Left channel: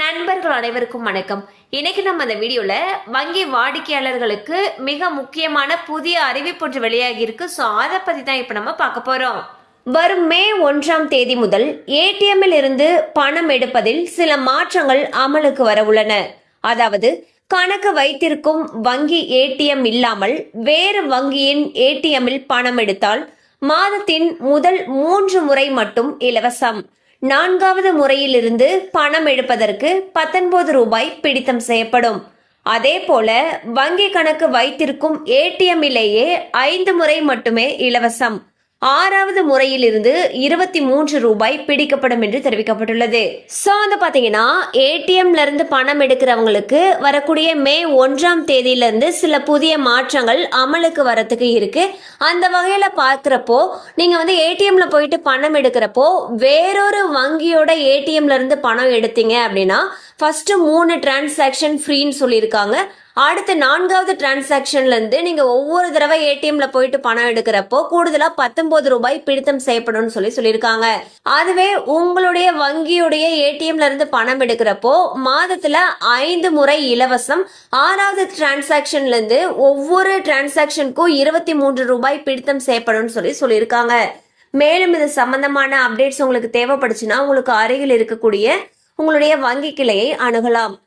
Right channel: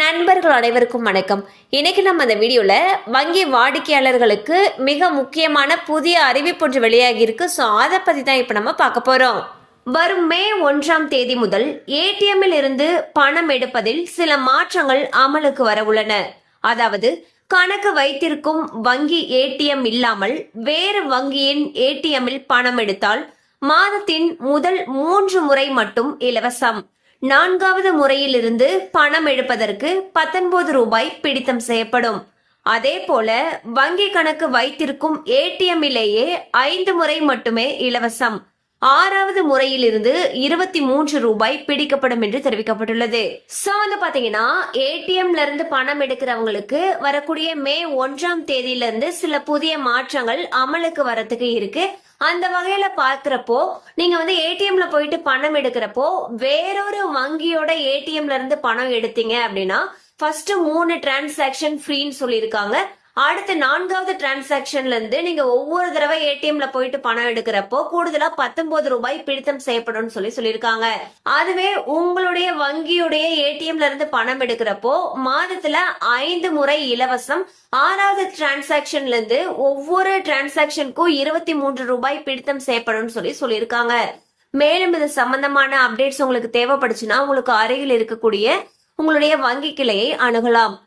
நண்பர்கள் அனைவருக்கும் வணக்கம். இன்னைக்கு நம்ம அந்த வீடியோவில் வங்கி வாடிக்கையாளர்களுக்கு மிக முக்கியமான புதிய அறிவிப்பு ஒன்று வெளியாகி இருக்கு ஸோ அதை பற்றி தான் இப்போ நம்ம பார்க்க போகிறோம் வரும் மே ஒன்றாம் தேதி முதல் ஏடிஎம்மில் இருந்து பணம் எடுப்பதில் சில மாற்றங்கள் அமலுக்கு வர உள்ளன. அதாவது கணக்கு வைத்திருக்கும் வங்கி ஏடிஎம் இல்லாமல் வேறு வங்கியின் ஏடிஎம்மில் பணம் எடுத்தால் மாதத்தின் முதல் மூன்று முறை மட்டும் இலவசம். நான்காவது முறையிலிருந்து பணம் எடுப்பதற்கு பத்தொன்பது ரூபாய் பிடித்தம் செய்யப்படும். அதே போல வங்கி கணக்கு வைத்திருக்கும் ஏடிஎம்மிலேயே ஐந்து முறை மட்டுமே இலவசம். ஆறாவது முறையிலிருந்து இருபத்தி மூன்று ரூபாய் பிடிக்கப்படும் என்று தெரிவிக்கப்பட்டுள்ளது. சோ வந்து பாத்தீங்கன்னா ஏடிஎம்ல இருந்து பணம் எடுக்கிறவங்களுக்கு வரக்கூடிய மே ஒன்றாம் தேதியில இருந்து சில புதிய மாற்றங்கள் அமலுக்கு வரத்துக்கு இருக்கு. அந்த வகையில பார்க்குறப்போ நீங்க வந்து ஏடிஎம்ல போயிட்டு பணம் எடுக்கிறப்போ வேறொரு வங்கியோட ஏடிஎம்ல இருந்து பணம் எடுத்தீங்க அப்படின்னா ஃபர்ஸ்ட் மூணு டிரான்சாக்ஷன் ஃப்ரீன்னு சொல்லியிருக்காங்க. அடுத்த நான்காவது டிரான்சாக்ஷன்ல இருந்து நீங்க ஒவ்வொரு தடவை ஏடிஎம்ல போயிட்டு பணம் எடுக்கிறப்போ கூடுதலா பத்தொன்பது ரூபாய் பிடித்தம் செய்யப்படும்னு சொல்லி சொல்லியிருக்காங்க. அதுவே உங்களுடைய வங்கியுடைய ஏடிஎம்ல இருந்து பணம் எடுக்கிறப்போ மாதத்துல ஐந்து முறை இலவசம் ஆறாவது டிரான்சாக்ஷன்ல இருந்து ஒவ்வொரு டிரான்சாக்ஷனுக்கும் இருபத்தி மூன்று ரூபாய் பிடித்தம் செய்யப்படும்னு சொல்லி சொல்லியிருக்காங்க. மேலும் இது சம்பந்தமான அப்டேட்ஸ் உங்களுக்கு தேவைப்படுச்சுன்னா உங்களுக்கு அருகில் இருக்கக்கூடிய உங்களுடைய வங்கி கிளையை அணுகலாம்.